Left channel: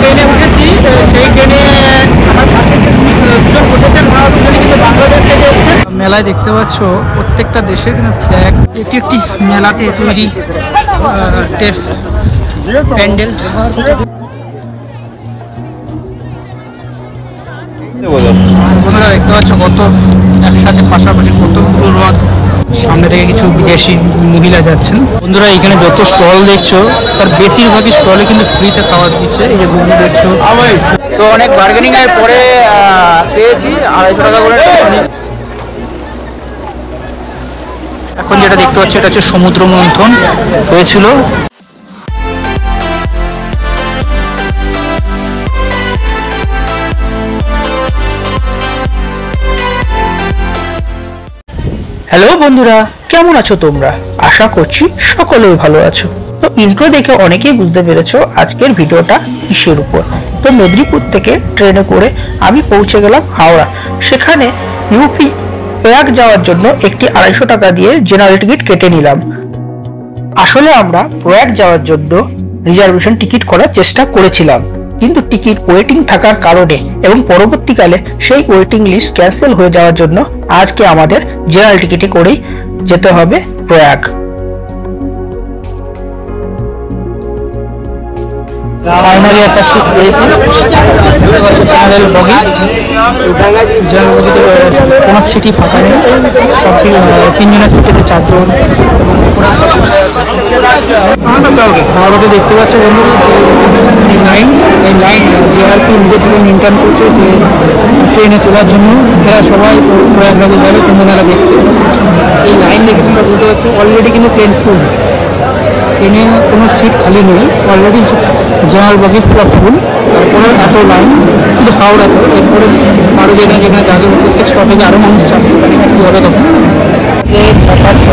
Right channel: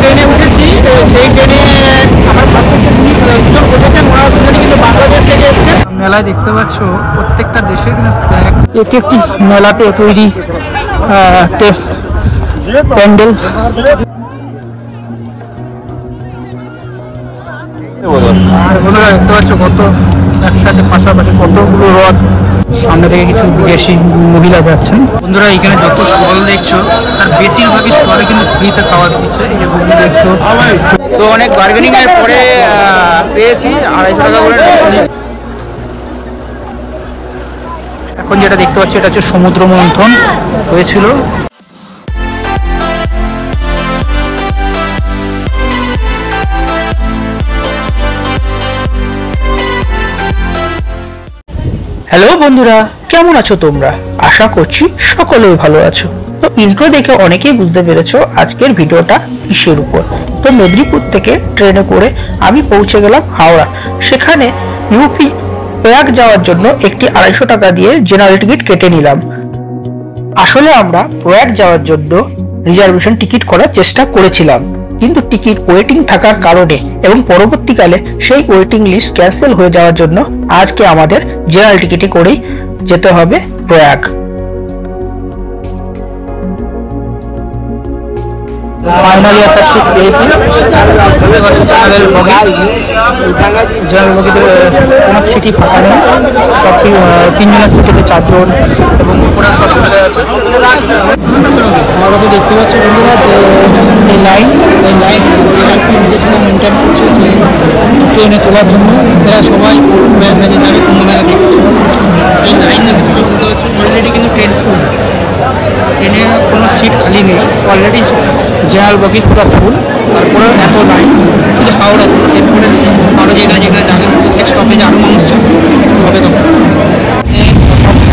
ট্রেনে উঠেছি সেই ট্রেনে আমার পাশে দুজন বসেছেন, ওনারা দুজনে কিন্তু বাংলাদেশ থেকে এসেছেন। মেলায় দেখতে পাচ্ছ প্রত্যেকটা দেশে কিন্তু ফ্ল্যাগ, এটি একটি মেলাতে তৈরি প্যান্ডেল। বন্ধুরা দেখতে পাচ্ছ কত একসাথে পাশাপাশি কতগুলো রথ, সামনে থেকে কিছু বিদেশি মহিলা যাচ্ছেন। বন্ধুরা এখানে যত স্টল দেখছো তার বেশিরভাগই স্টলে কিন্তু ফ্রিতে খাবার দিচ্ছে। এই যে ঘুগনি দেখছো, তো অনেক বার্গেনিং এর পরে পেয়েছি 250 টাকা করে। এখন যেটা দেখতে পাচ্ছি এটা হচ্ছে সমুদ্র মন্থন হয়েছিল। হ্যালো বন্ধুরা, কেমন আছো তোমরা? আশা করছি সকলেই ভালো আছো। তো ইন্ট্রো দেখে অনেকেই বুঝতে পেরেছো আজকের ভিডিওটা কিসের উপর। তো মেদিনীপুর থেকে ট্রেনে করে আমি পৌঁছে গেলাম হাওড়া। সেখানে ইউপি প্রয়াগ যাওয়ার জন্য একটি 250 টাকা দিয়ে জেনারেল টিকিট কেটে নিলাম। আসলে আমরা প্রয়াগ যাওয়ার জন্য রিজার্ভেশন টিকিট করার চেষ্টা করেছিলাম, কিন্তু টিকিট ওয়েটিং থাকার কারণে এবং পরবর্তীকালে সেই ওয়েটিং লিস্ট ক্যান্সেল হয়ে যাওয়ার জন্য আজকে আমাদের জেনারেল টিকিটে করেই যেতে হবে প্রয়াগ। ফাইনালি একটা সিট পেয়েছি, জেনারেল বগি। জেনারেল বগিতে কোনো সিটই ফাঁকা নেই, সব 3 জনের সিটেতে 4 জন এবং পুরো সব বসে আছে। আমাদের দেখতে পাচ্ছি বন্ধুরা যে এই লাইন জেআরপি নিজে থেকে মেনটেন করছে যে ট্রেনে তোলার জন্য এরা সবাই প্রয়াগরাজে যাবে কুম্ভ মেলা দেখতে। এই লাইন দেখে তোমরা বুঝতে পারছো অলরেডি কিন্তু ট্রেন ফুল, ট্রেনে কোনো সিট খালি নেই, অলরেডি জেনারেল বগি পুরো ফুল। তারপরে এত লাইন শুধু হাওড়াতে, এরপরে আরও যেখানে যাবে প্রত্যেক স্টপেজে আরও মানুষ যাবে হবে। তখন এই 5টা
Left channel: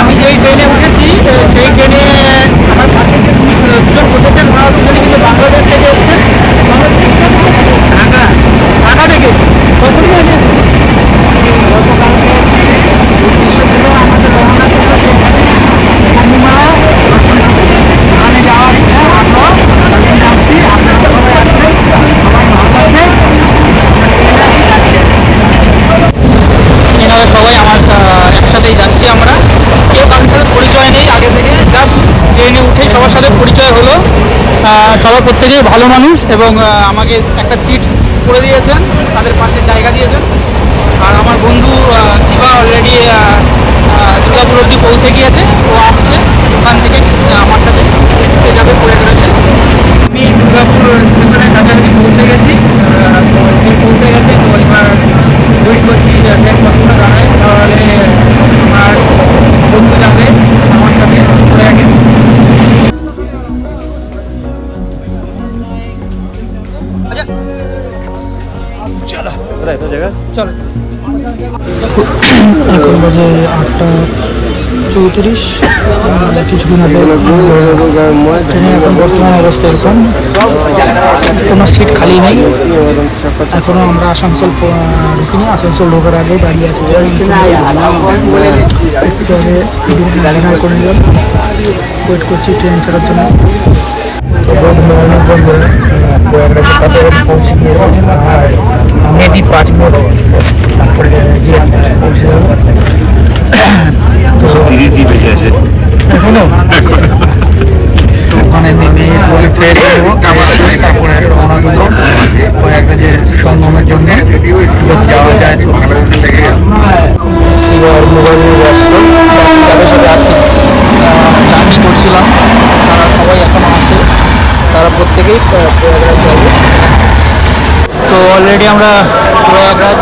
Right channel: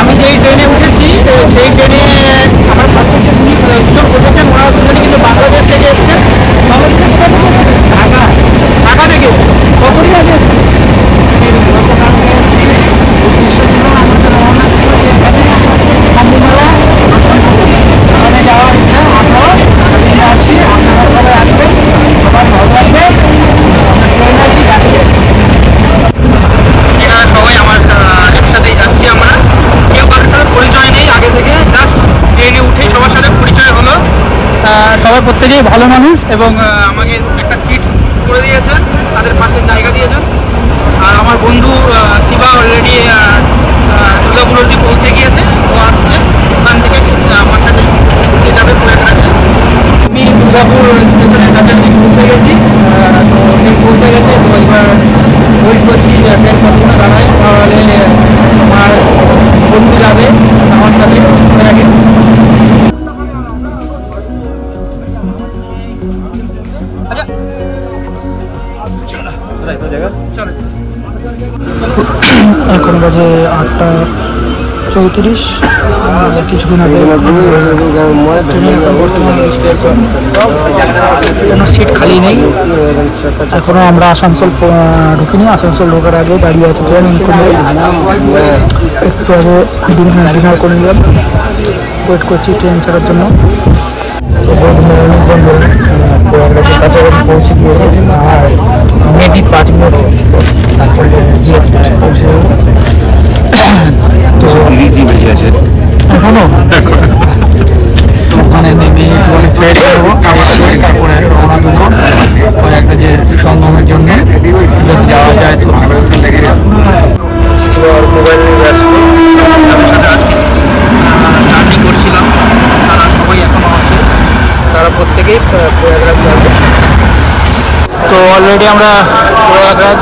আমি যেই ট্রেনে উঠেছি সেই ট্রেনে আমার পাশে দুজন বসেছেন, ওনারা দুজনে কিন্তু বাংলাদেশ থেকে এসেছেন। ঢাকা থেকে কতদিন আগে এসেছি, গতকালকে এসেছি। উদ্দেশ্য ছিল আমাদের রওনা ছিল যে এখানে কুম্ভ মেলা দর্শন করবো, ওখানে যাওয়ার ইচ্ছা। আমরাও ট্রেনে আসছি, আপনারা সবাই আসবেন, সবাই ভালো লাগবে। আমরা ট্রেনে আসি, যাচ্ছি এখানে সবাই আমার একসাথেই যাচ্ছি। আমরা কেউ কারোর সাথে পরিচয় নেই আগে থেকে, জাস্ট ট্রেনে উঠেই সবার সাথে পরিচয় হলো। সবাই প্রত্যেকেই ভালো মানুষ এবং আমাকে একটা সিট করে দিয়েছেন, তাদের পাশে জায়গা দিয়েছেন। আর আমার বন্ধু শিবা অলরেডি দুর্গাপুর অবধি পৌঁছে গিয়েছে, ও আসছে ওখান থেকে আমার সাথে উঠে যাবে প্রয়াগরাজে। আমি দুর্গাপুর স্টেশনের কাছাকাছি পৌঁছে গেছি, তো ট্রেন পৌঁছে গেছে। তো এবার ওয়েট করছি ট্রেন কতক্ষণে দাঁড়ায়, তাহলে আমার বন্ধু যাবে আমার সাথে প্রয়াগে। এখন বাজে 8:34। কিছুক্ষণ আগে ট্রেনের এখন বর্তমান অবস্থা এরকম, কোনো সিট খালি নেই। এখনো আমরা আসানসোল ঢুকিনি, আসানসোল ঢোকার আগে দাঁড়িয়ে আছে ট্রেন। একটু আগে ডিনার করে নিলাম, ওয়েট করছি ট্রেন ছাড়ার জন্য। বন্ধুরা প্রয়াগরাজের কাছাকাছি পৌঁছে গিয়ে আর মেবি 5 মিনিট তারপরে পৌঁছে যাবো। তো এখনো ওখানে নেমে একটুখানি ফ্রেশ নেবো, তারপরে রওনা দেবো প্রয়াগরাজের সঙ্গমের জন্য, যদি যাওয়া যায়। তো মোবাইল নিয়ে ব্যস্ত, যাদের সাথে আজকে জার্নি করছিলাম তারা সবাই এখনো আছে, তারা প্রত্যেকেই প্রয়াগরাজ যাবে। তো অলরেডি আমরা প্রয়াগরাজ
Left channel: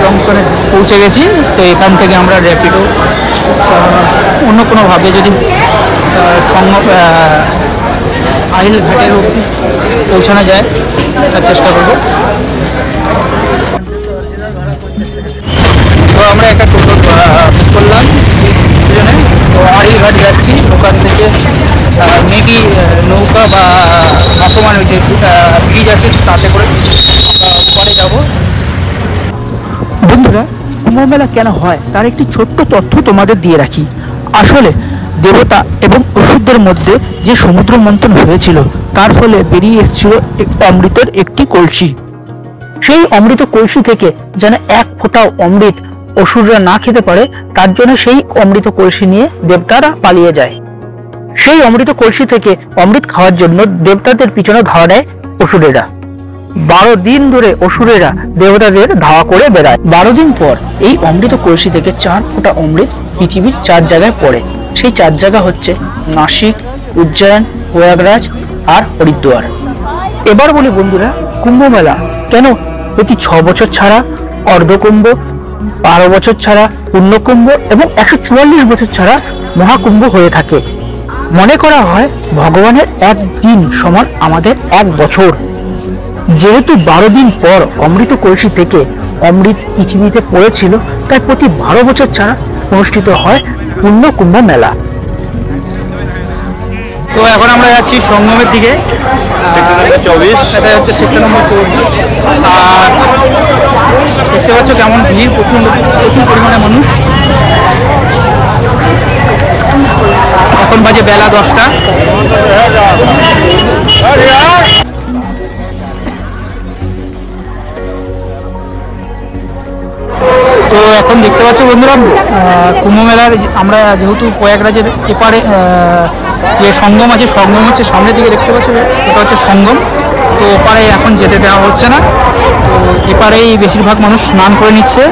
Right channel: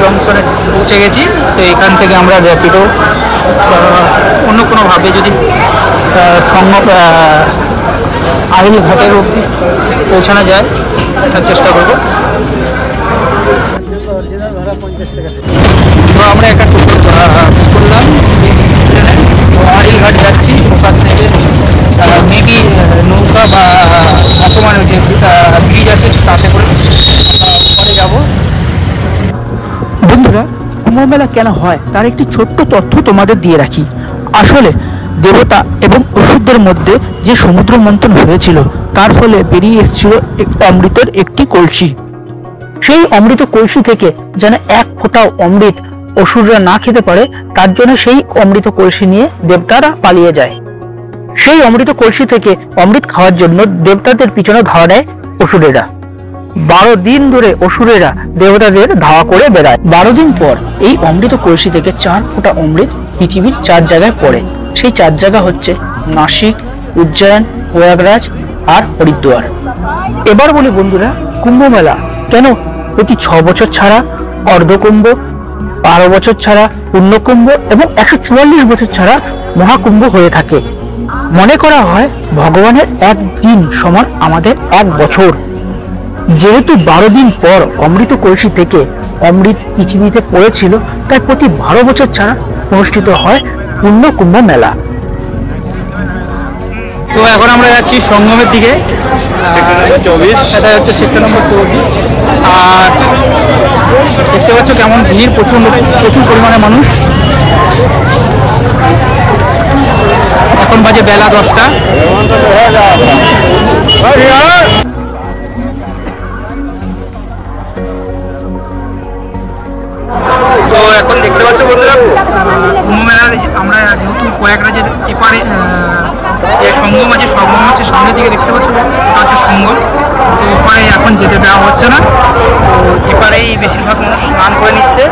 জংশনে পৌঁছে গেছি। তো এখান থেকে আমরা র্যাপিডো অন্য কোনোভাবে যদি আহিল ঘাটের পৌঁছানো যায় তার চেষ্টা করব। তো আমরা একটা টোটো বুক করলাম ট্রেনে, তো আহিল ঘাট যাচ্ছি। ওখান থেকে মেবি নৌকা বা ভাসমান যে ব্রিজ আছে তাতে করে আমরা উপরে যাব। বন্ধুরা কুম্ভ মেলা কেন হয় তার একটি ছোট্ট তথ্য তোমাদের দিয়ে রাখি। আসলে দেবতা এবং অসুরদের মধ্যে যে সমুদ্র মন্থন হয়েছিল তার ফলে বেরিয়ে এসেছিল অমৃতের একটি কলসি। সেই অমৃত কলসি থেকে যেন এক ফোঁটাও অমৃত অসুররা না খেতে পারে তার জন্য সেই অমৃত কলসি নিয়ে দেবতারা পালিয়ে যায়। সেই অমৃত কলসি থেকে অমৃত খাওয়ার জন্য দেবতাদের পিছনে ধাওয়া দেয় অসুরেরা। 12 দিন ধরে অসুরেরা দেবতাদের ধাওয়া করে বেড়ায়। 12 দিন পর এই অমৃত কলসি থেকে 4 ফোঁটা অমৃত পৃথিবীর 4 জায়গায় পড়ে। সেই 4 জায়গা হচ্ছে নাসিক, উজ্জয়ন, প্রয়াগরাজ আর হরিদ্বার। এবার বলি বন্ধুরা, কুম্ভ মেলা কেন প্রতি 6 বছর ছাড়া অর্ধকুম্ভ, 12 বছর ছাড়া পূর্ণকুম্ভ এবং 144 বছর ছাড়া মহাকুম্ভ হয়ে থাকে? মনে করা হয় ভগবানের এক দিন সমান আমাদের 1 বছর। যেহেতু 12 দিন পর অমৃত কলসি থেকে অমৃত পৃথিবীতে পড়েছিল, তাই প্রতি 12 বছর ছাড়া অনুষ্ঠিত হয় পূর্ণকুম্ভ মেলা। তো এখন আমরা যাচ্ছি সঙ্গমের দিকে, 24, এটা হচ্ছে সেক্টর নম্বর 24। আর দেখতে পাচ্ছ কেমন ভিড়, প্রচুর পরিমাণে মানুষ। এখন বাজে বেলা 10টা। তো এখন দেখতে পাচ্ছ বন্ধুরা, কুম্ভ মেলার আমরা যেহেতু প্রয়াগরাজের এপারে যে সঙ্গম আছে, সঙ্গম হচ্ছে সামনের দিকে দেখতে পাচ্ছ, এটা হচ্ছে সঙ্গম। তো ওপারে এখন যেতে দেওয়া হচ্ছে না, তো এপারেই বেশিরভাগ মানুষ স্নান করে নিচ্ছে।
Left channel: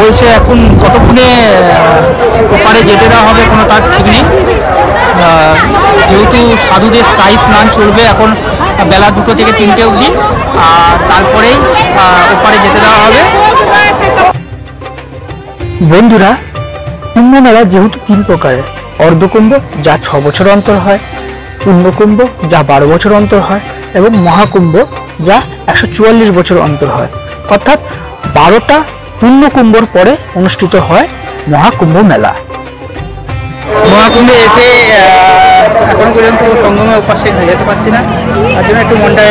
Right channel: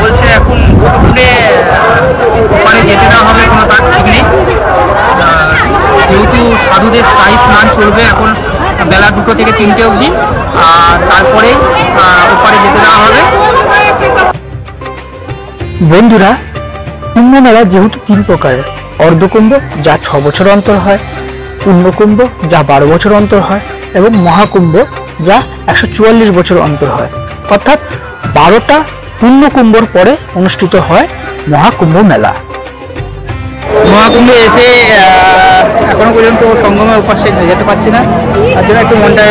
বলছে এখন যতক্ষণে ওপারে যেতে দেওয়া হবে কোনো তার ঠিক নেই। যেহেতু সাধুদের স্থায়ী স্নান চলবে এখন বেলা 2টো থেকে 3টে অবধি, আর তারপরেই ওপারে যেতে দেওয়া হবে। বন্ধুরা, কুম্ভ মেলা যেহেতু 3 প্রকারের, অর্ধকুম্ভ যা 6 বছর অন্তর হয়, পূর্ণকুম্ভ যা 12 বছর অন্তর হয় এবং মহাকুম্ভ যা 144 বছর অন্তর হয়, অর্থাৎ 12টা পূর্ণকুম্ভর পরে অনুষ্ঠিত হয় মহাকুম্ভ মেলা। মহাকুম্ভে এসে এখনো পর্যন্ত সঙ্গমের উপাসে যেতে পারছি না, তার জন্য একটু মনটা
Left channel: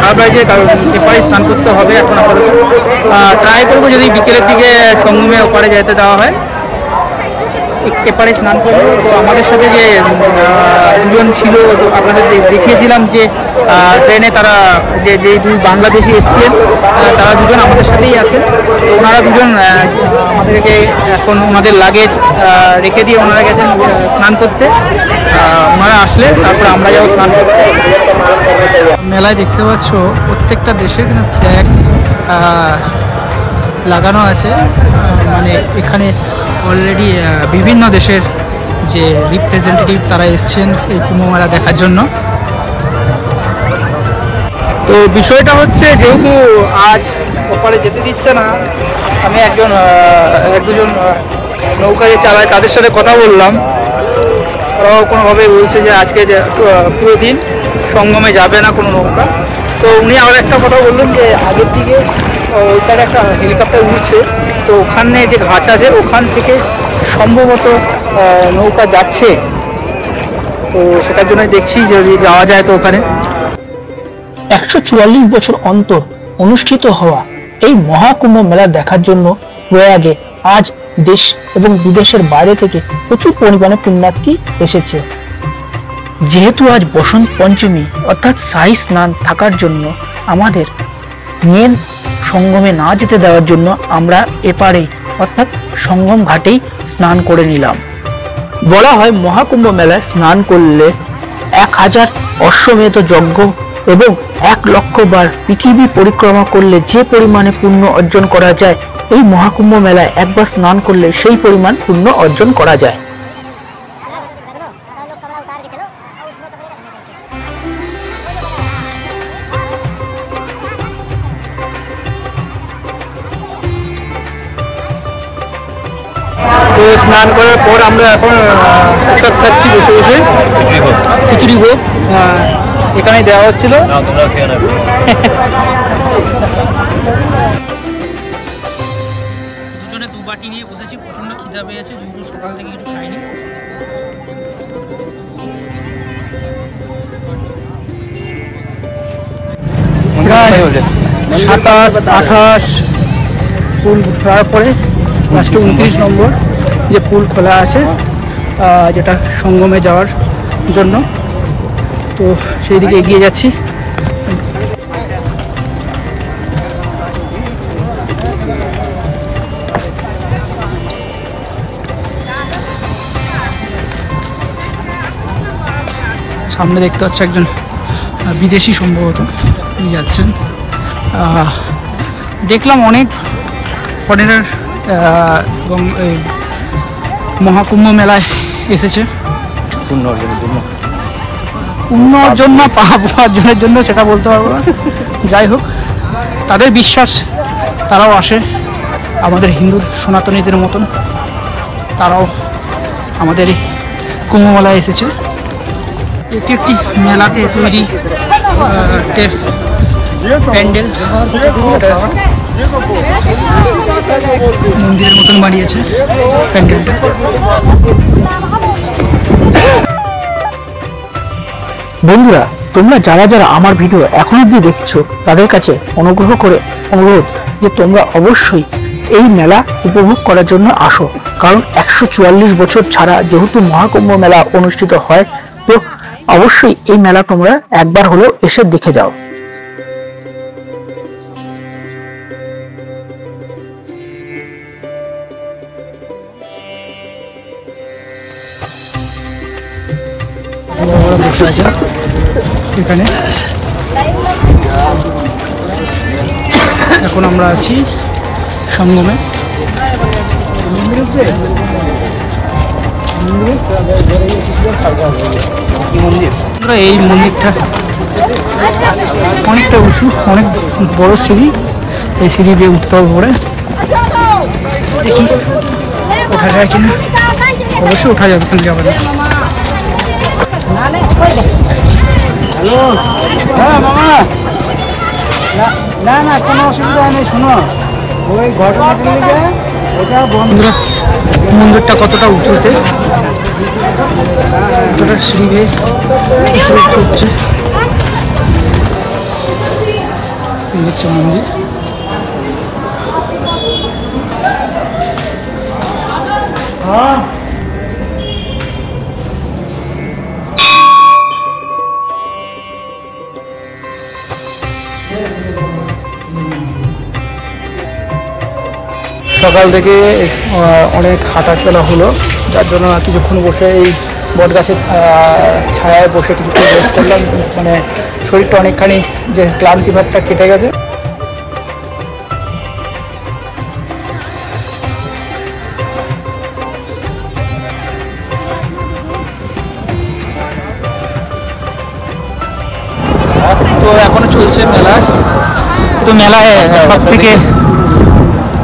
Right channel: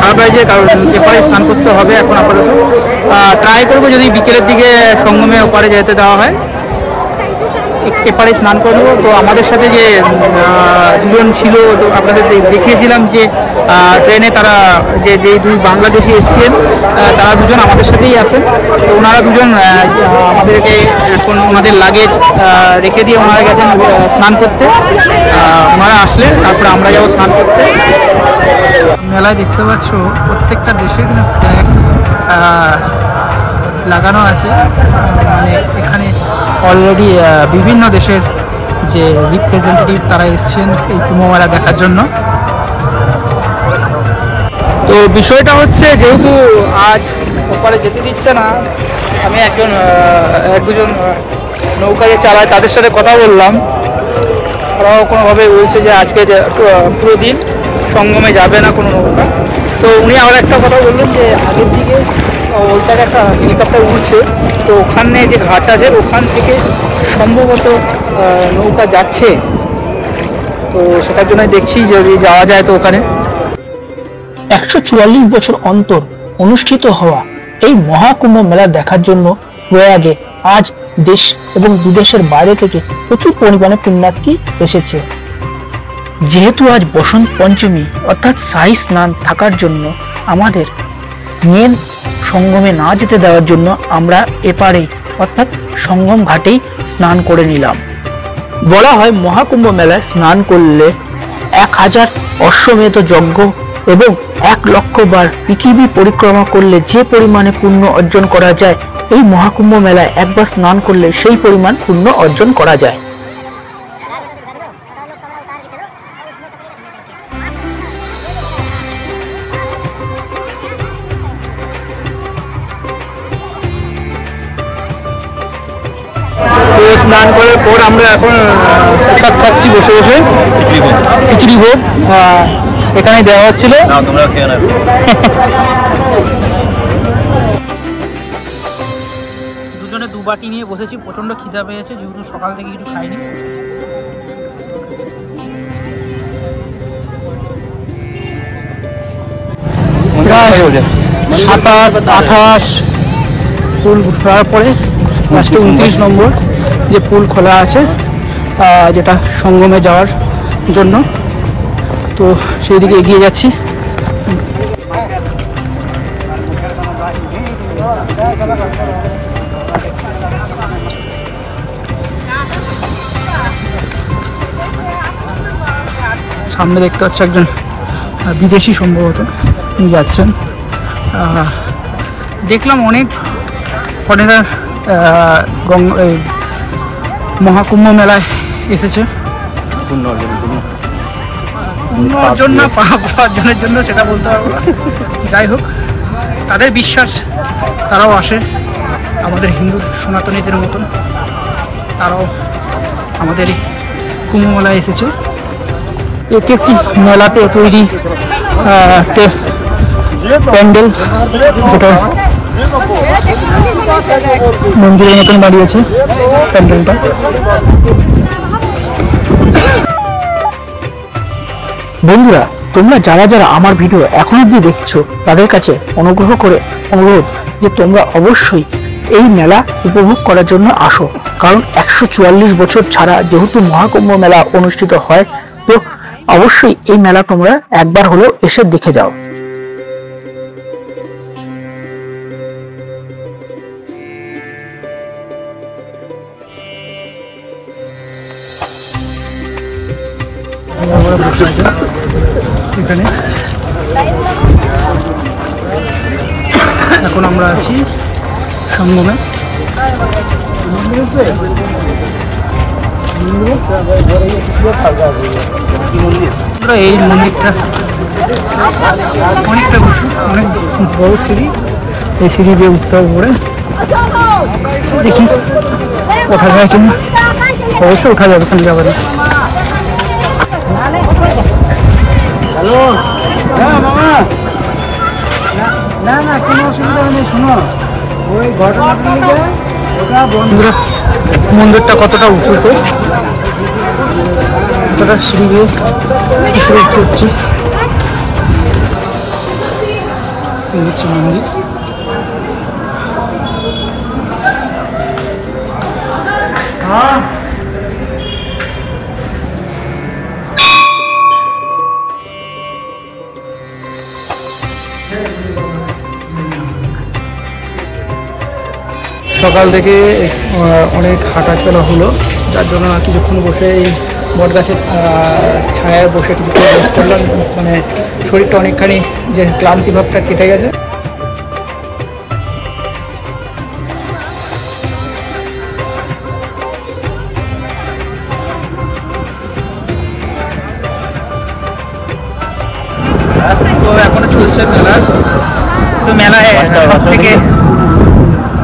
খারাপ লাগছে, কারণ এপারে স্নান করতে হবে। এখন আপাতত ট্রাই করবো যদি বিকেলের দিকে সঙ্গমে ওপারে যেতে দেওয়া হয়, এপারে স্নান করব। তো আমাদের সাথে যে 2জন ছিল, তো আপনাদের দেখিয়েছিলাম যে ট্রেনে তারা যে 2 বাংলাদেশি এসছেন, তারা 2জন আমাদের সাথেই আছেন। তো ওনারা 2জন আমাদেরকে এখন ওনাদের লাগেজ রেখে দিয়ে ওনারা গেছেন স্নান করতে। ওনারা আসলে তারপরে আমরা যাবো স্নান করতে। মেলায় দেখতে পাচ্ছ প্রত্যেকটা দেশে কিন্তু ট্যাগ লাগানো আছে, মানে এখানে অলরেডি বিভিন্ন দেশের যে রিপ্রেজেন্টেটিভ তারা এসছেন এই কুম্ভ মেলা দেখার জন্য। তো বিষয়টা হচ্ছে, যেহেতু আজ ওপারে যেতে দিচ্ছে না, আমি এক দুজন নৌকা যে চালায় তাদের সাথে কথা বললাম। ওরাও কোনোভাবে বলছে যে আজকে পুরো দিন সঙ্গমে যাবে না কোনো নৌকা। তো উনি আবার একটা কথা বললেন যে আগের দিকে ওই সাইডে একটা হেলিকপ্টার উড়ছে, তো ওখানে যে ঘাট আছে ওখান থেকে সম্ভবত নৌকা যাচ্ছে। তো সেটার জন্য দেখছি যদি যাওয়া যায় তো ওখানে। 144 বছর অন্তর অনুষ্ঠিত হওয়া এই মহাকুম্ভ মেলা দেখার জন্য প্রয়াগে আজ দেশ এবং বিদেশের বাইরে থেকে প্রচুর পরিমাণে পুণ্যার্থী এসেছে। যেহেতু আজ বসন্ত পঞ্চমী অর্থাৎ শাহী স্নান থাকার জন্য আমাদের মেন সঙ্গমে না যেতে দেওয়ার জন্য আমরা এপারে অর্থাৎ সঙ্গম ঘাটেই স্নান করে নিলাম। বলা হয় মহাকুম্ভ মেলায় স্নান করলে 1000 অশ্বমেধ যজ্ঞ এবং 1 লক্ষ বার পৃথিবী পরিক্রমা করলে যে পরিমাণে পুণ্য অর্জন করা যায়, এই মহাকুম্ভ মেলায় একবার স্নান করলে সেই পরিমাণ পুণ্য অর্জন করা যায়। তো স্নান করার পর আমরা এখন প্রসাদ খাচ্ছি বসে বসে, খিচুড়ি ভোগ এখানে দেওয়া হচ্ছিল। দুজনে 2 বাটি নিয়ে বসেছি, প্রচন্ড খিদা পেয়েছে যেহেতু সকাল থেকে কিছু খাইনি। প্রায় 27, 28 পুল খোলার পরে লাস্টে 29 নম্বর যে পুল খোলা আছে যেটা সঙ্গমে যাওয়ার জন্য, তো সেই দিকে এগিয়ে যাচ্ছি। সামনে দেখতে পাচ্ছি একজন বিদেশি সম্ভবত উনি যাচ্ছেন। দেখলাম অনেক ফরেনার মহাকুম্ভ মেলায় এসেছে পুণ্যর জন্য পাপ অর্জনের জন্য, সেটা বলতে পারবো না। যাই হোক, তাদের বিশ্বাস, তারাও আসে আমাদের হিন্দু সনাতনীদের মতন, তারাও আমাদের এই কুম্ভ মেলায় এসেছে। এটি একটি মেলাতে তৈরি প্যান্ডেল, মন্দিরের মতন বানিয়েছে প্যান্ডেলটা। বন্ধুরা, তোমরা যারা যারা আমার ভিডিও এখন অবধি দেখছো তাদের কাছে অনুগ্রহ করে অনুরোধ যে তোমরা অবশ্যই এই মেলা উপভোগ করার জন্য আসো, কারণ 144 বছর ছাড়া যেহেতু মহাকুম্ভ মেলা অনুষ্ঠিত হয়, তো অবশ্যই এই মেলা তোমরা একবার হলেও এসে দেখে যাও। বসে আছে এখানে, এখন আমরা আছি সঙ্গমে। এই মন্দিরটা অনেকটা উঁচু, অনেক বড় সিঁড়ি, এই সিঁড়ি দিয়ে উঠতে হবে পরে। দেখি ওঠা যায় কিনা, অবশ্যই ওঠা যাবে, ওখানে যাবে না। হ্যালো, হ্যাঁ মামা, না না কোনো অসুবিধা নেই, শোনো ওই ঘটনাটা মন্দিরটা কতটা উঁচুতে, কতটা সিঁড়ি বেয়ে উপরে উঠতে হচ্ছে। এই হচ্ছে মন্দির। সকাল থেকে অনেক হাঁটাচলা হলো, যার জন্য কিছুক্ষণ বসে এই বট গাছের ছায়ায় বসে কিছুক্ষণ রেস্ট করলাম, মানে শরীরটা অনেকখানি যে ক্লান্তি ভাবটা কেটে গেছে। তো এখনো চলছে মেলা, তো মেলায় থেকে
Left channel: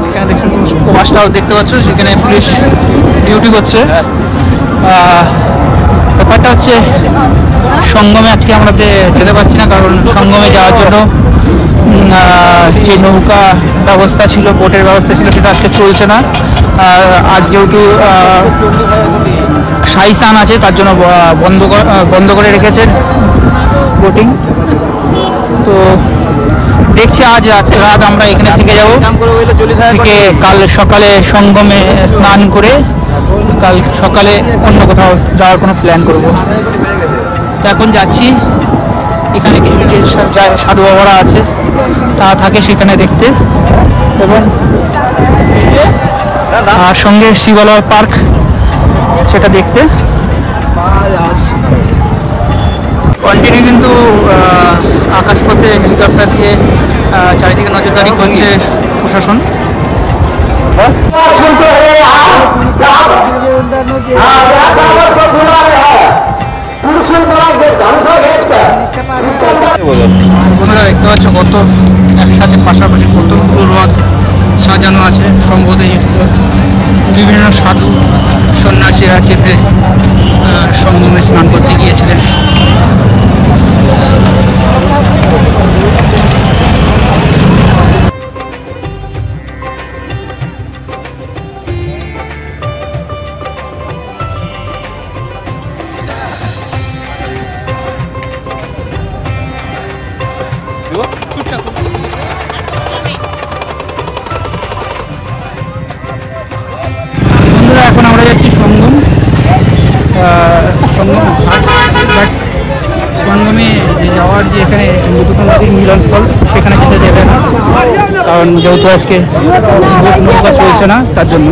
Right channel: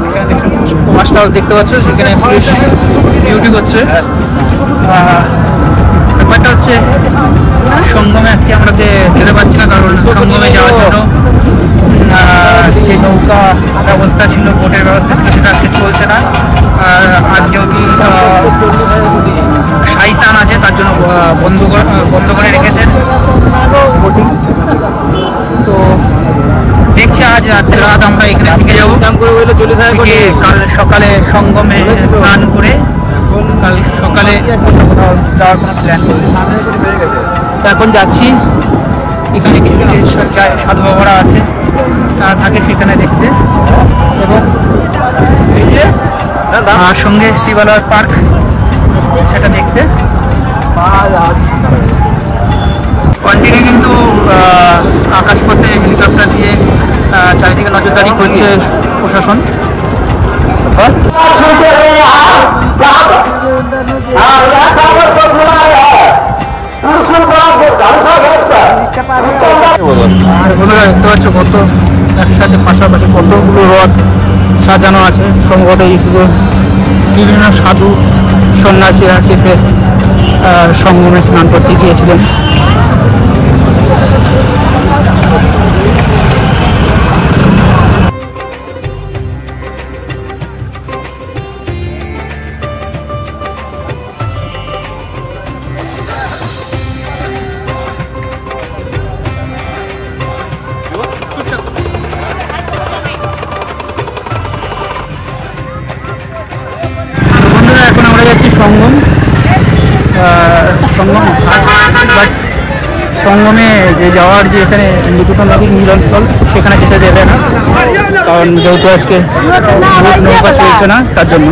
এখানে দেখুন প্রবাসটাও দেখতে পাচ্ছ, সেখানে পুলিশ ডিউটি করছে। ব্যাপারটা হচ্ছে সঙ্গমে আজকে আমরা যেতে পারছি না, কারণ সঙ্গমে যাওয়ার জন্য যে ব্যবস্থা ছিল, বোটের ব্যবস্থা ছিল, সেটা আজকে চলছে না। আর যেহেতু সাইসান আছে, তার জন্য বন্ধ করে রেখেছে বোটিং। তো দেখছি আজ রাত আমরা এখানে থেকে যাব, থেকে কাল সকালে সঙ্গমে স্নান করে কাল সকালে অন্য কোথাও যাওয়ার কোনো প্ল্যান করবো। তো এখন যাচ্ছি, এখানে কিছু যে সাধু বাবারা আছে তারা থাকে সেখানে দেখতে, আর সঙ্গে শিবালয় পার্ক সেটা দেখতে। কন্টিনিউ কিন্তু আকাশপথে হেলিকপ্টার দিয়ে চারিদিকে নজরদারি করছে প্রশাসন। বন্ধুরা দেখতে পাচ্ছ কত একসাথে পাশাপাশি কতগুলো রথ সাজানো আছে, সম্ভবত বিভিন্ন সাধু সন্ন্যাসীরা চেপে সঙ্গমে স্নান করতে গিয়েছিলেন। সঙ্গম ঘাট, বাট সঙ্গমে যে যাওয়ার যে এখানে দুটো নদীর মিলনস্থল সেখানে যেতে দেবে না, কারণ যেহেতু আজকে বোট নৌকা চলছে না তার জন্য।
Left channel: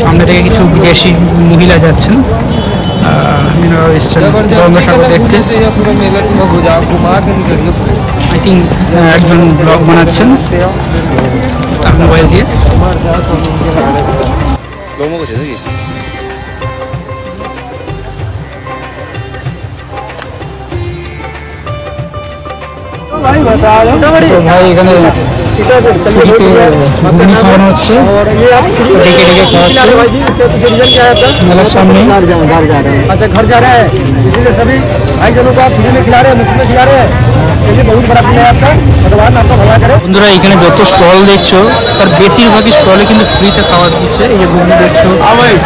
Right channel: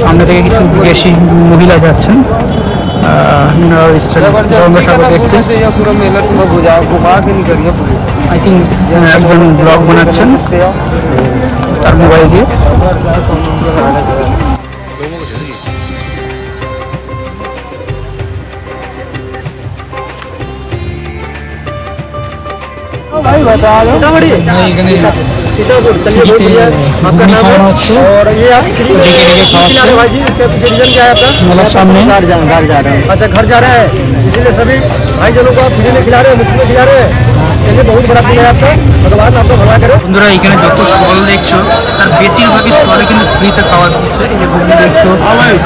সামনে থেকে কিছু বিদেশি মহিলা যাচ্ছেন, মিনারেল এসছেন গঙ্গাসাগর দেখতে। আই থিঙ্ক একজন ব্লগ বানাচ্ছেন তার মোবাইল দিয়ে। এখানে ঘুগনি খাওয়ানো হচ্ছে, ডেকে ডেকে খাওয়াচ্ছে मेरे सामने। अच्छा घर जा रहा है, इसीलिए सभी भाई जनों को आप फ्री में खिला रहे हैं, मुफ्त में खिला रहे हैं। चलिए बहुत बड़ा दिन है आपका, भगवान आपको भला करे। বন্ধুরা এখানে যত স্টল দেখছো তার বেশিরভাগই স্টলে কিন্তু ফ্রিতে খাওয়া দিচ্ছে। এই যে ঘুগনি দেখছো,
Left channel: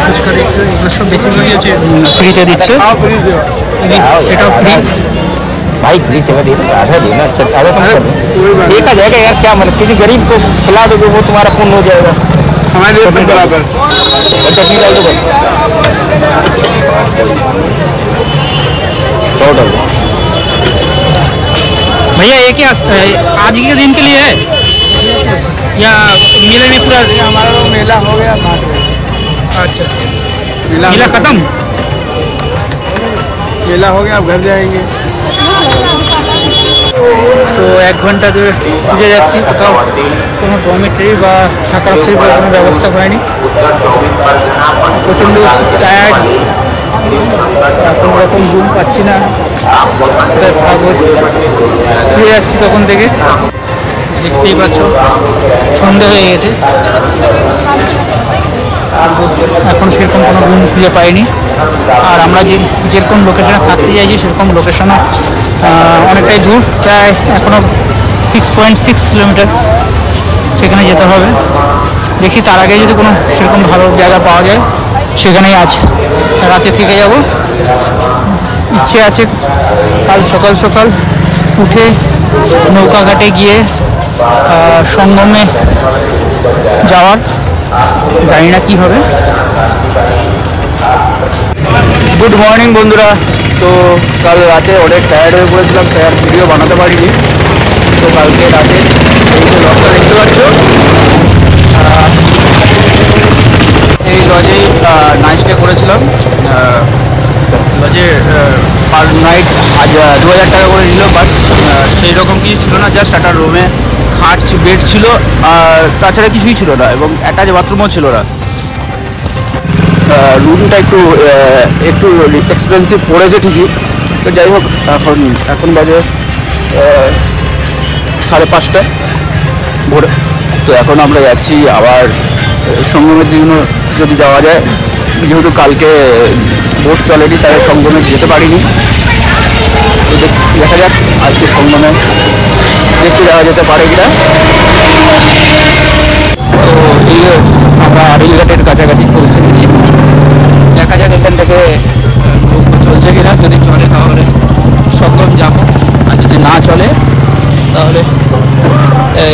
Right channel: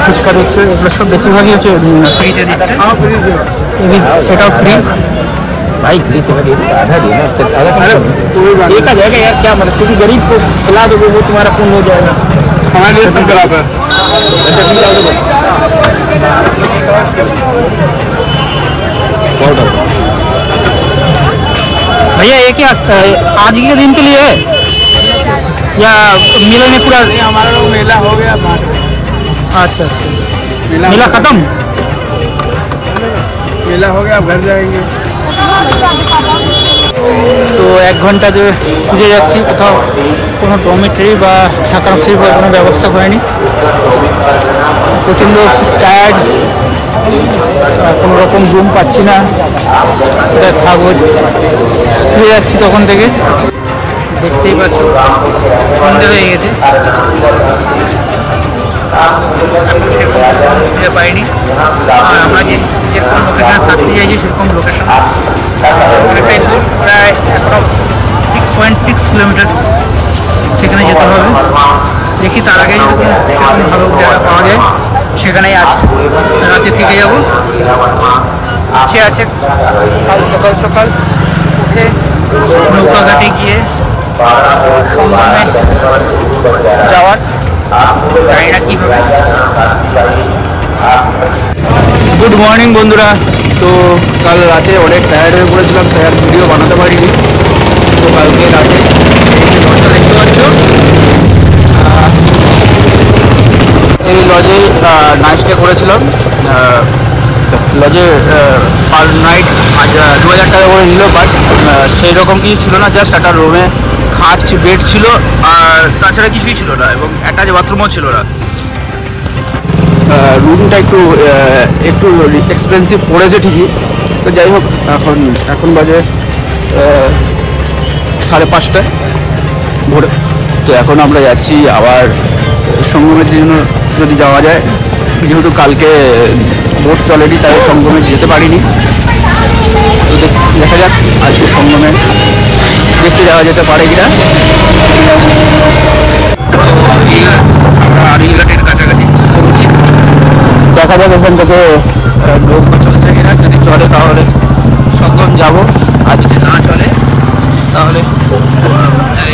ফুচকা দেখছো, এগুলো সব বেশিরভাগই হচ্ছে ফ্রিতে দিচ্ছে। এটাও ফ্রি भाई फ्री सेवा दे आधा देना, आधा कम कर दो, एक आ जाएगा यार, क्या मतलब किसी गरीब को खिला दोगे वो तुम्हारा पुण्य हो जाएगा। हमारे लिए सब बराबर चटनी डाल दो भाई, डाल दो भैया। ये क्या आज के दिन के लिए है या मेले में पूरा? हमारा लोग मेला हो गया बांट रहे। अच्छा, मेला खत्म, मेला हो गया, अब घर जाएंगे। তো 1 ঘন্টা ধরে খুঁজে যাচ্ছি, কোথাও কোনো ডরমেটরি বা থাকার কোনো ব্যবস্থা হয়নি। প্রচণ্ড টায়ার্ড, কোনো রকম রুম পাচ্ছি না, কোথায় থাকবো। ফিরে যাচ্ছি তখন থেকে, দেখতেই পাচ্ছ সন্ধ্যা হয়ে গেছে, এখন সেরকম কোনো রুম খুঁজে পাইনি। আর আমরা যেরকম লোকেশনে থাকতে চাইছি সেরকম লোকেশনে অনেকটাই দূর, প্রায় 6.6 কিলোমিটার, সেখানে যেতে হবে। দেখি তার আগে যদি কোনো সেরকম ভালো জায়গা পাওয়া যায় সেখানেই আছে, রাতে থেকে যাব। ইচ্ছে আছে সকাল সকাল উঠে নৌকা ঘাটে গিয়ে সঙ্গমে যাওয়ার, জানি না কী হবে। গুড মর্নিং বন্ধুরা, তো কাল রাতে অনেক টায়ার্ড হয়ে পড়েছিলাম, তাই আর ভিডিও বানাতে পারিনি। তো কালকে রাতে এই যে লজটা দেখতে পাচ্ছ, এই লজে নাইট স্টে করেছিলাম। লজে পার নাইট 2000 টাকা করে নিল, বাট সেই রকম কিছু ছিল না, জাস্ট একটা রুমে খাট বেড ছিল আর তাছাড়া কিছুই ছিল না, এবং অ্যাটাচ বাথরুমও ছিল না। রুমটা একটু এক্সপেন্সিভ পড়েছে ঠিকই, তো যাই হোক এখন বাজে 5:30 ভোরে। তো এখন আমরা যাচ্ছি আবার সঙ্গমের জন্য, যদি যাওয়া যায়, যেহেতু কালকে বোট চলেনি তাই সঙ্গমে যেতে পারিনি। তো দেখা যাক আজকে সঙ্গমে দেখতে যাওয়া যেতে পারে কিনা। তো আমরা আড়িঘাটের কাছাকাছি পৌঁছেছি, দেখা যাক এখান থেকে নৌকা চলছে কিনা। যদি চলে তাহলে সঙ্গম যাব, আর যদি না চলে তাহলে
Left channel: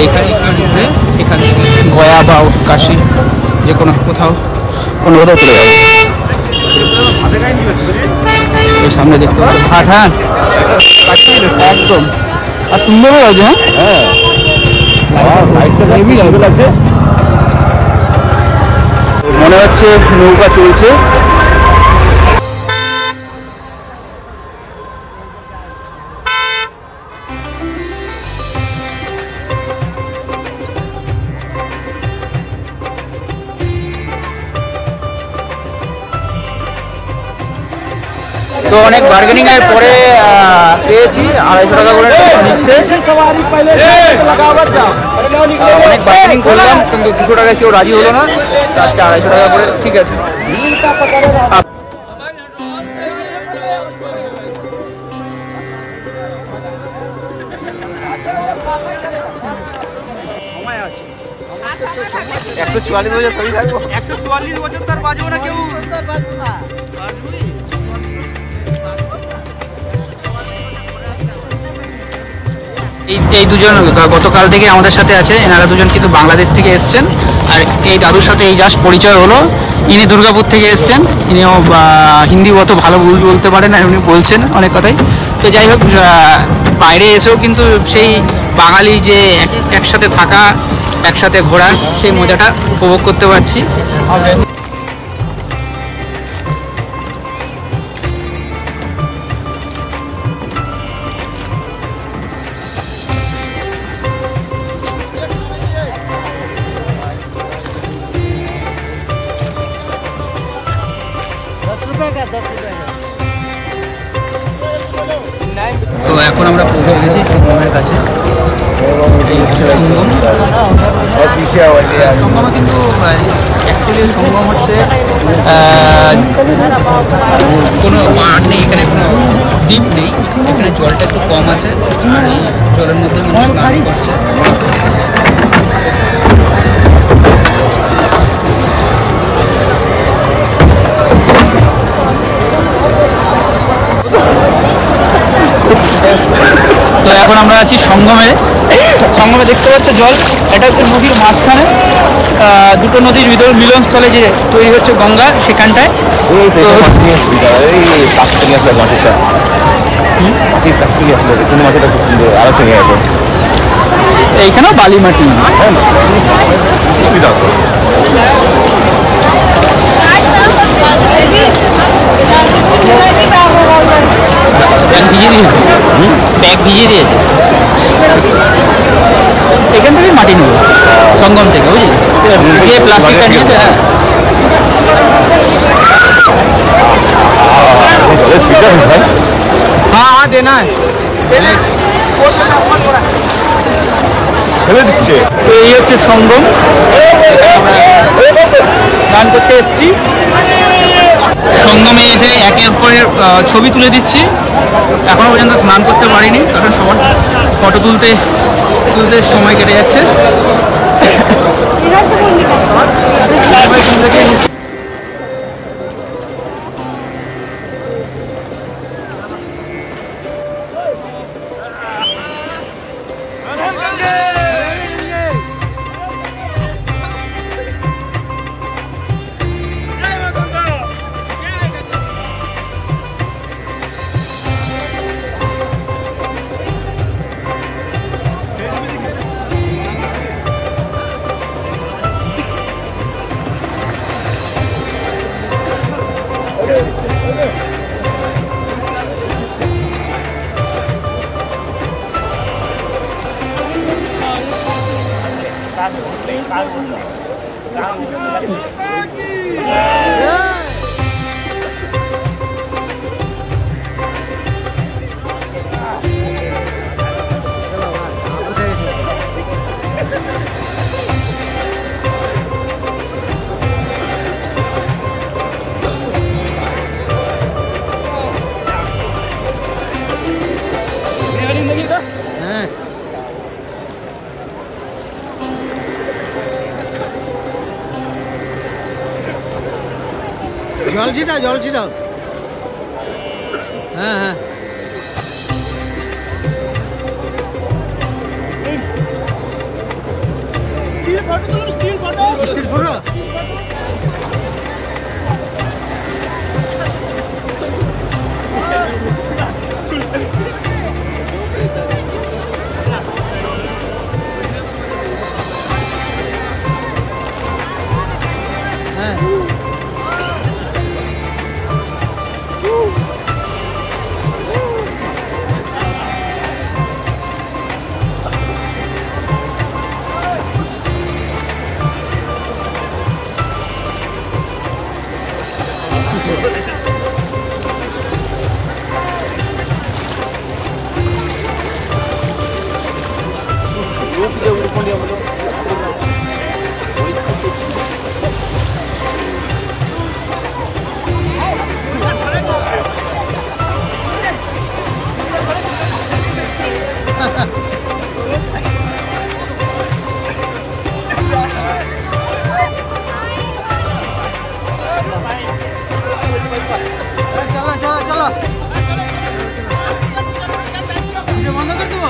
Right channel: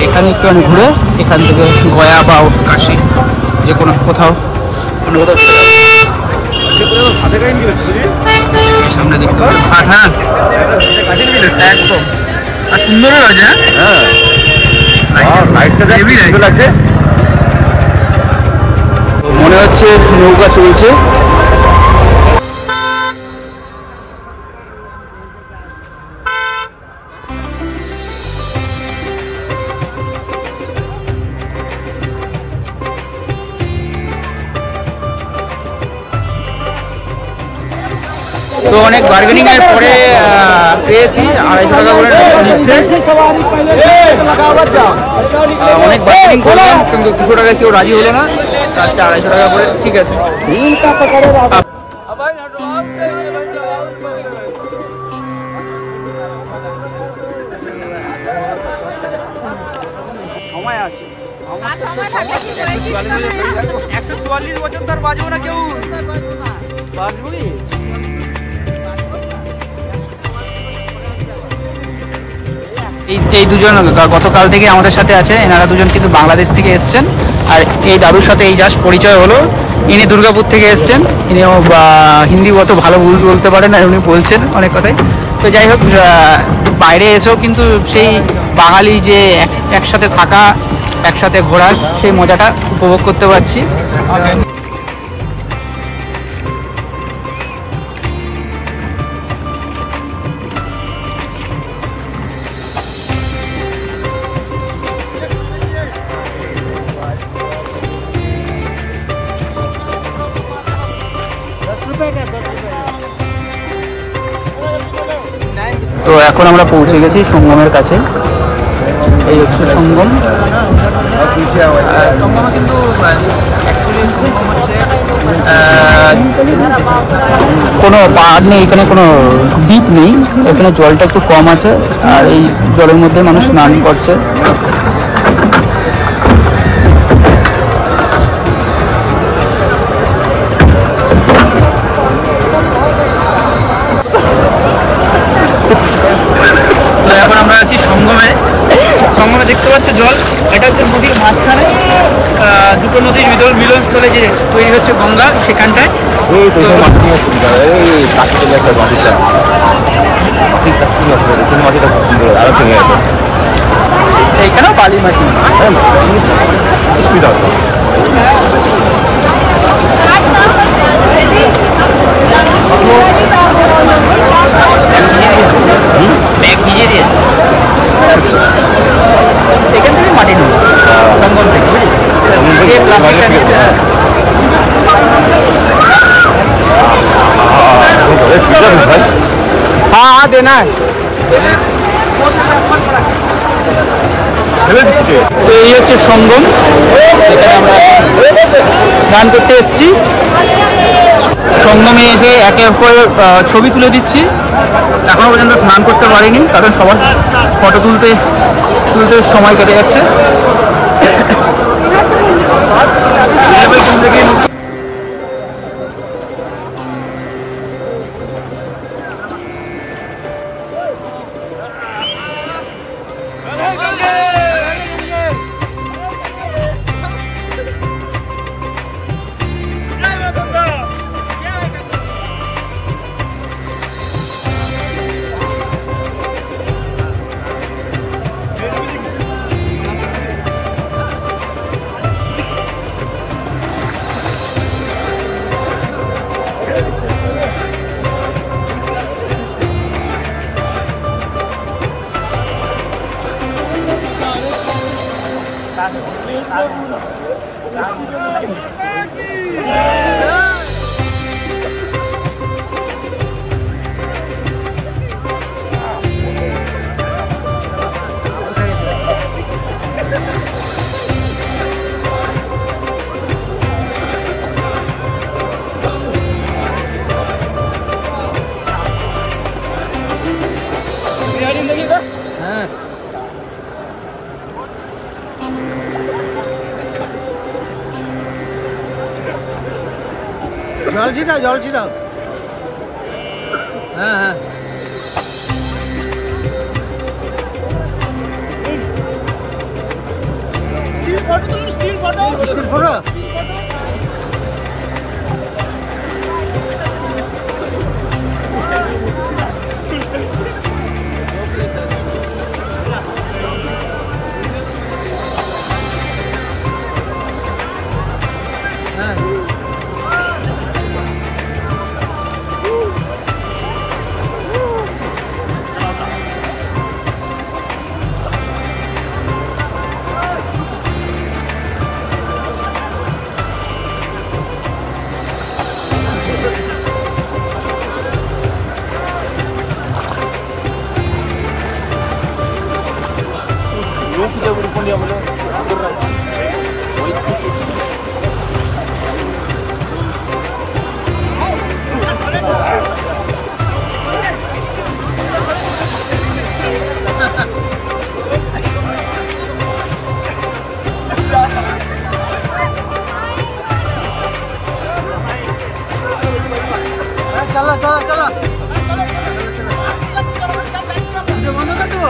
এখানে একটু ঘুরে এখান থেকে গয়া বা কাশি যে কোনো কোথাও কোনো সামনে দেখতে পাচ্ছি ঘাট। হ্যাঁ একদম, আর সুন্দরও আছে। হ্যাঁ হেভি লাইট আছে, মনে হচ্ছে নৌকা চলছে। তো অনেক বার্গেনিং এর পরে পেয়েছি 250 টাকা করে নিচ্ছে। অনেক বার্গেনিং করলাম কিন্তু 200 টাকা কেউ রাজি হলো না, আজকে 250 টাকা করে। ঠিক আছে, এই দুজন গতকাল থেকে আমাদের সাথে আছে। এনারা দুজন কিন্তু বাংলাদেশ থেকে এসছেন। আর এই দাদুর সাথে এই জাস্ট পরিচয় হলো। ইনি দুর্গাপুর থেকে এসছেন। ইনিও হিন্দি অত ভালো বলতে পারেন না, উনি বলছেন অনেক কথাই। তো যাই হোক, বাইরে এসেও কিন্তু সেই বাঙালি যে একসাথে থাকা, একসাথে ঘোরার সেই মজাটা উপভোগ করতে পারছি। তো এখন আমরা পৌঁছে গেছি সঙ্গমের কাছে। এই হচ্ছে সঙ্গম। সঙ্গমে কিন্তু অ্যাকচুয়ালি সঙ্গম হচ্ছে কোনো পাহাড় নেই, এখানে কোনো দ্বীপ নেই, এখানে জলটা একটু কম আছে। আর এই জলের মধ্যে মানুষ স্নান করছে। এখন আমরা আছি সঙ্গমে। সঙ্গমে দেখতে পাচ্ছ জল, এটা হচ্ছে নদীর মাঝখানে, দুটো নদীর মিলনস্থলে যে তৈরি হচ্ছে গঙ্গা, সেখানটায়। এইখানে বালি ব্যাগ ভিজিয়ে দিয়েছে। এখান থেকে মাটি নেব সঙ্গম থেকে, বুঝলি, প্লাস্টিকটা নিয়েছে। হ্যাঁ দেনা। তো এই হচ্ছে সঙ্গম, এখানে আমরা স্নান করতে এসেছি। সঙ্গমে এসে একে অপরের ছবি তুলে দিচ্ছি। এখনো পর্যন্ত স্নান করতে পারিনি, কারণ সবার ফটো তুলতে সময় কেটে যাচ্ছে। জল ছিটাও। হ্যাঁ হ্যাঁ, স্টিল ফটো। হ্যাঁ चलो चलो चलो वीडियो बंद कर दो।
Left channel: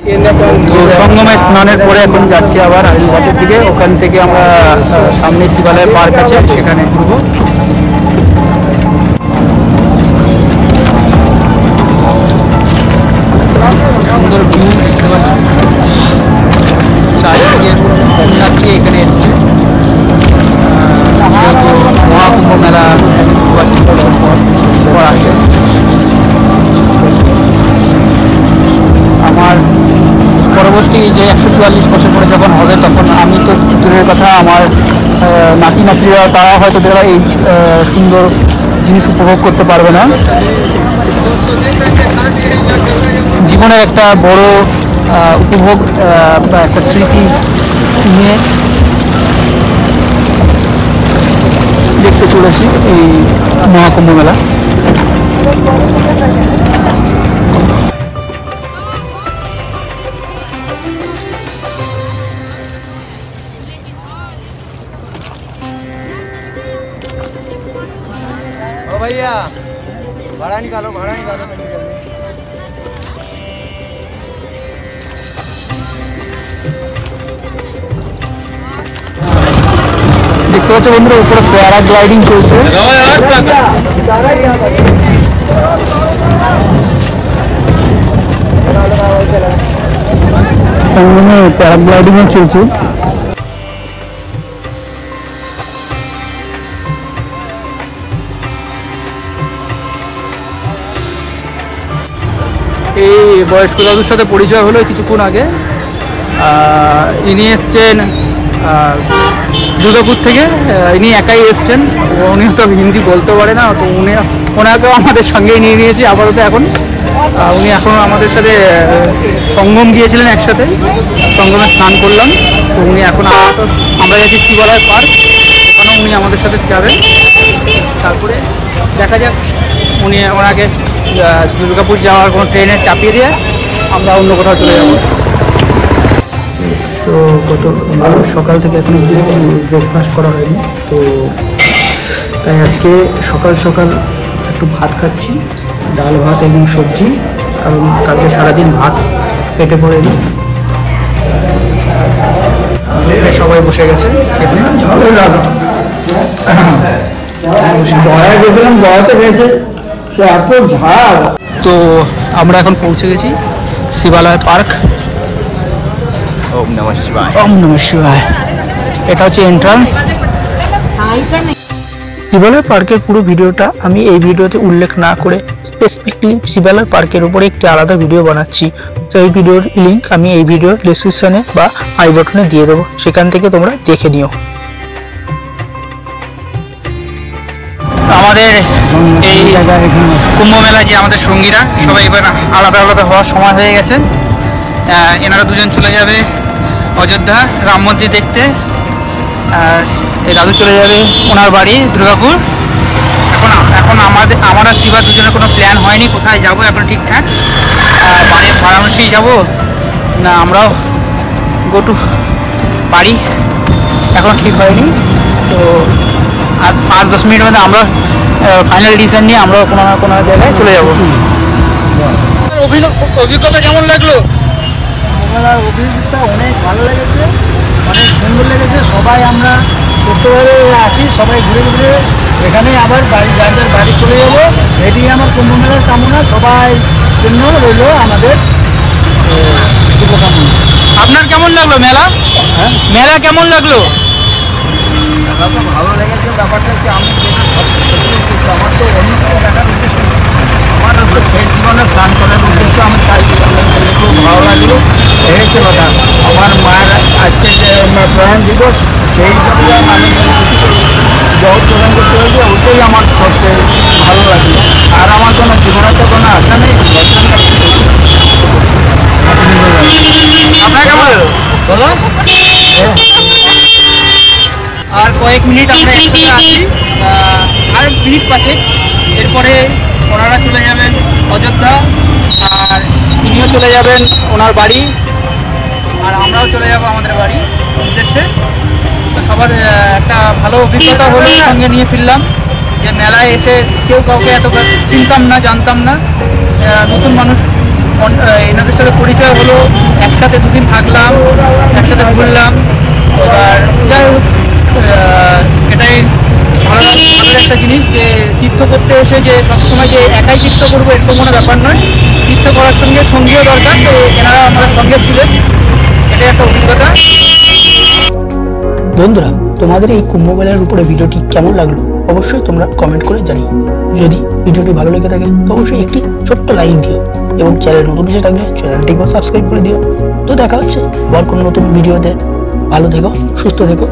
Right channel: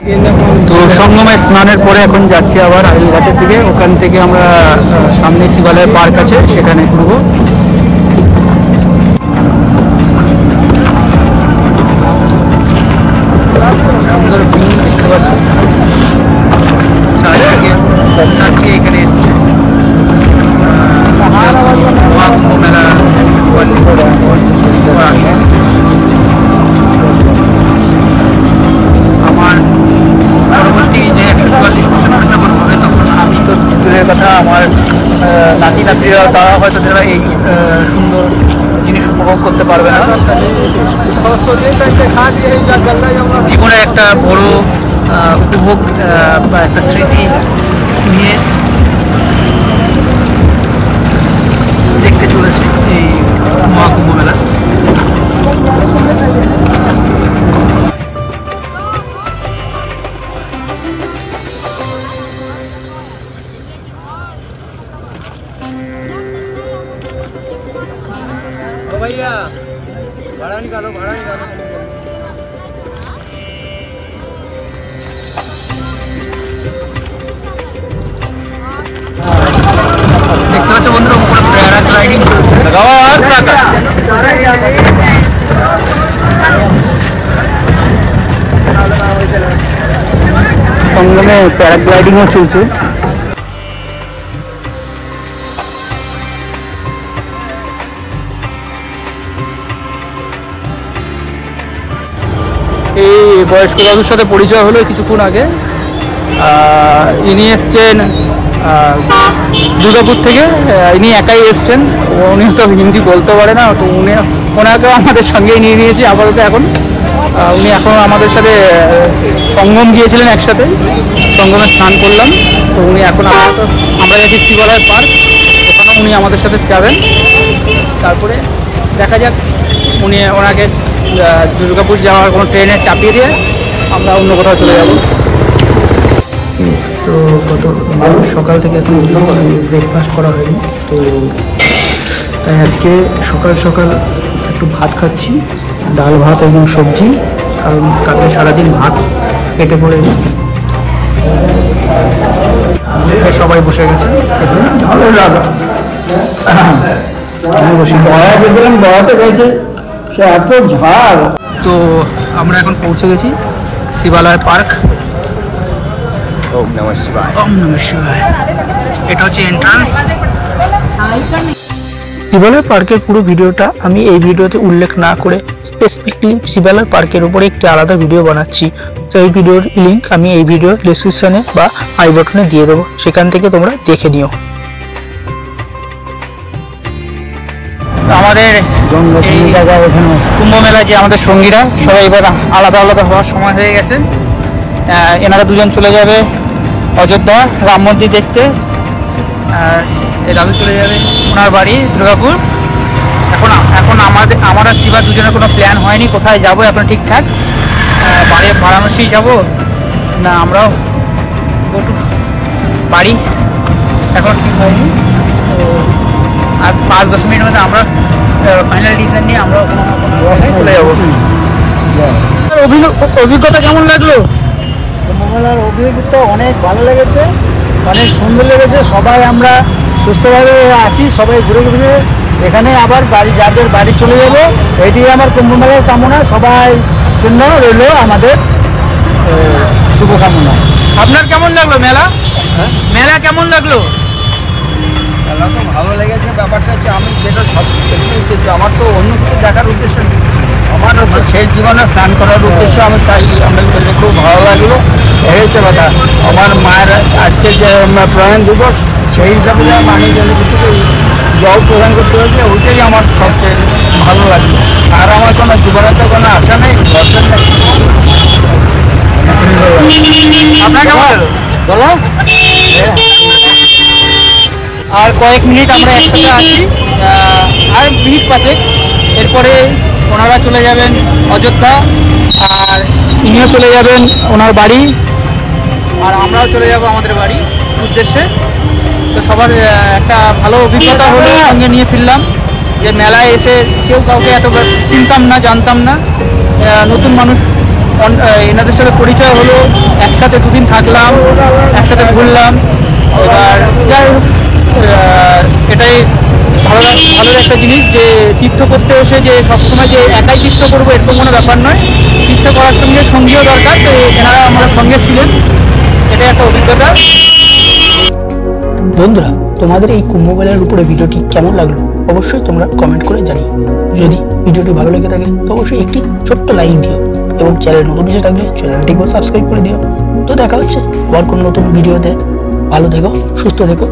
তো সঙ্গমে স্নানের পরে এখন যাচ্ছি আবার আইলঘাটের দিকে। ওখান থেকে আমরা সামনে শিবালয় পার্ক আছে, সেখানে ঘুরবো। সুন্দর ভিউ দেখতে পাচ্ছি, চারিদিকে দর্শনার্থী এখানে এসছে। যেহেতু মহাকুম্ভ মেলা 144 বছর পর আছে। আমার পরবর্তী যে 144 বছর পরে যখন হবে, তখন আমি তো দূরের কথা, আমার নাতি নাতিরা তারা হয়তো তারা এই সুন্দর জিনিস উপভোগ করতে পারবে না। জীবনে একটা বড় উপভোগ বা একটা স্মৃতি নিয়ে দেখতে চলেছি এই মহাকুম্ভ মেলা। দেখতে পাচ্ছ বন্ধুরা, উপরে প্যারাগ্লাইডিং চলছে। সঙ্গে প্যারাগ্লাইডিংও চলছে। এই বয়স্ক দাদুর সাথে পরিচয় হলো কিছুক্ষণ আগে। ইনি এসছেন দুর্গাপুর থেকে, ইনি একাই এসছেন। উনি তো হিন্দি বলতে পারে না, তো ওনাকেও আমাদের সঙ্গেই নিয়ে নিয়েছি আপাতত। উনি এখন আমাদের সাথে সঙ্গম গিয়েছিলেন, একসাথে সঙ্গমে স্নান করলাম। তো উনি এখন আমরা যাচ্ছি শিবালয় পার্ক, ওখানেও উনি আমাদের সাথে যাবেন। তারপরে দেখা যাক, ওনাকে দুর্গাপুর যাওয়ার কোনো ট্রেনে চাপিয়ে দিয়ে আমরা অন্য কোথাও চলে যাব। তো সকাল থেকে এখন ব্রেকফাস্ট করা হয়নি, তো তাই আজকে সকাল সকাল একটু ভাত খাচ্ছি, ডাল ভাত এবং সবজি, কারণ কালকে সারাদিন ভাত পেটে পড়েনি। সবাই বসে গেছে খেতে। তো আমরা এখন পৌঁছে গেছি শিবালয় পার্ক। ওম নমঃ শিবায়। এটা হচ্ছে এন্ট্রান্স। শিবালয় পার্কের পুরো ভিডিওটা আমি এই ভিডিওতে উল্লেখ না করে স্পেসিফিকলি শিবালয় পার্কের উপরে একটি আলাদা ভিডিও বানাচ্ছি। তো এই ভিডিওর লিংক আমি এই ভিডিওর ডেসক্রিপশনে বা আই বাটনে দিয়ে দেবো, সেখান থেকে তোমরা দেখে নিও। আমাদের এই কুম্ভ মেলায় যে আমাদের সঙ্গীরা সবাই এবার আলাদা আলাদা হওয়ার সময় হয়ে গেছে। এনারা দুজন চলে যাবে অযোধ্যা রাম মন্দির দেখতে, আর এই দাদু চলে যাবে ওনার বাড়ি দুর্গাপুর। এখন আমরা শিবা দুজনের কোনো প্ল্যান হয়নি কোথায় যাব এখন ঠিকঠাক। বারাণসী যাব না আমরাও গো টু বাড়ি, এখন ঠিক হয়নি। তো আর 5-10 মিনিটের মধ্যে আমরা ফাইনাল ডিসিশন নিয়ে আমরা কোনো না কোনো জায়গায় চলে যাব। অভিজ্ঞতা কেমন লাগলো? কুম্ভমেলার অভিজ্ঞতা অনেক ভালো লেগেছে, অনেক সুন্দর লেগেছে। সবাই আমরা সুস্থভাবে আছি, সবাই ঘুরে ঘুরে এখানে আবার যাদের বাড়ি চলে যাবো, এটি আমার কুম্ভমেলার কামনা। সবাই জন্য রইল আমাদের শুভকামনা। আপনার কেমন লাগলো মেলা? হ্যাঁ, মেলা কেমন লাগলো? মেলা তো ভালো লেগেছে। ব্যাপারটা হচ্ছে আমি যেটা সবচেয়ে বেশি উদ্দেশ্য, আমার তো অন্য কিছু দেখার উদ্দেশ্য নেই, আমার হচ্ছে শেষ জীবনে স্নান করার উদ্দেশ্য। আমি চাই আমি খুব ভালো লাগলো। এই হচ্ছে কথা। আমার মায়ের আজকে যে প্রয়াণ দিবস, সেই হিসাবে আমি জল প্রদান করতে হয়েছে, ওইটাই আমার সবচেয়ে ভালো লাগলো। আর আমার কোনো জীবনে তো কোনো আশা নেই, দর্শন নেই। আপনার কেমন হলো? আর কয়েক মিনিট আমরা একসাথে আছি, আর মিনিট 5, এরপরে ওনারা চলে যাবেন অযোধ্যা, আর ইনিও চলে যাবেন ওনার বাড়ি, আর আমরাও চলে যাব আমাদের বাড়ি উদ্দেশ্যে। তো সবার একটা ভালো অভিজ্ঞতা হলো, সঙ্গে নিয়ে ফিরলাম। যে মেলায় এসে কেউ কাউকে এত চিনতাম না, জানতাম না, নতুন মানুষ, এনাদের সাথে পরিচয় হলো, একসাথে দুদিন থাকলাম, একসাথে ঘুরলাম। এবার যাই হোক, এটাই ভালো একটা জিনিস যে তীর্থ করতে এসে যে সবসময় যে একাই তীর্থ করবো এরকম কোনো ব্যাপার নয়, তীর্থ করার সঙ্গে সঙ্গীও দরকার। তো এনারা আমাদের সঙ্গে ছিলেন, এটাই একটা অভিজ্ঞতা। বন্ধুরা, তোমাদের এই কুম্ভমেলার উপরে ভিডিওটি কেমন লাগলো অবশ্যই তোমরা কমেন্ট করে জানিও। যদি ভিডিওটি ভালো লেগে থাকে তো অবশ্যই একটি ছোট্ট লাইক দিও এবং চ্যানেল নতুন এসে থাকলে চ্যানেলটিকেও সাবস্ক্রাইব করে দিও। তো দেখা হচ্ছে আবার কোনো নতুন ভিডিওতে। ভালো থেকো, সুস্থ থেকো।